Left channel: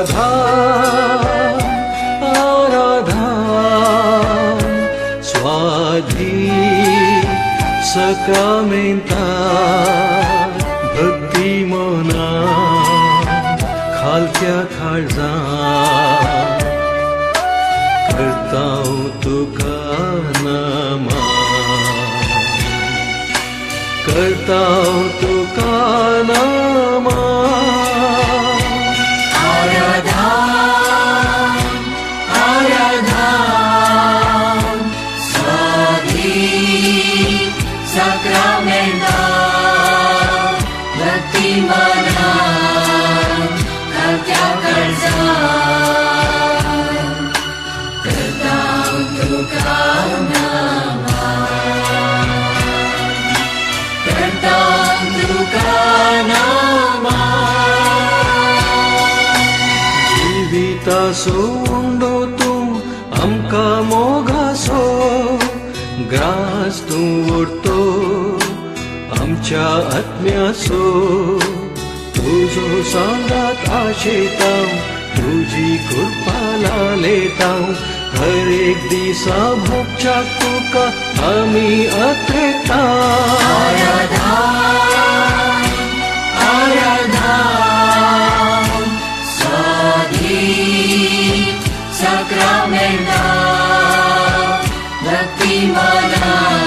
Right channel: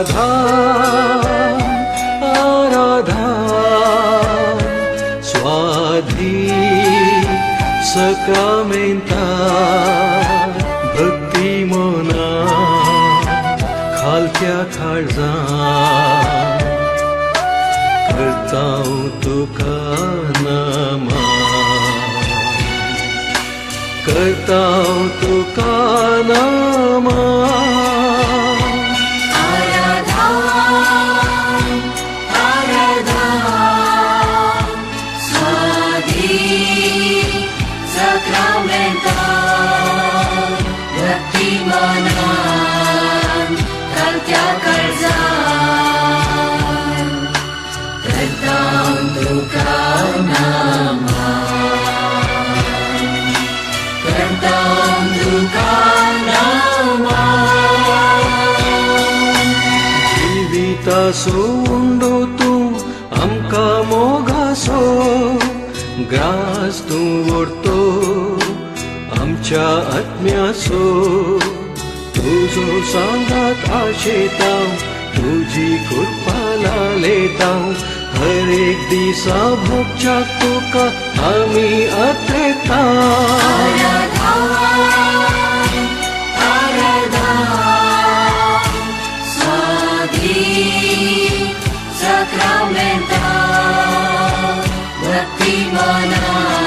आराधन आराधन स्वाधीन सक्रमेंटात भक्ती मनात खालच्या काळजात करतां तुका नमन करतां तुका नमन सोंडो तूं आमकां मोगासो ग्रास तूं ओडतो आमच्या आत्म्याचो तुजो सांगात आशेतां तुजी कृपा लालेतां हर एक दिसा भोगच्याक तुका आमी अत्रेतां Sacramental, Bhakti Mana.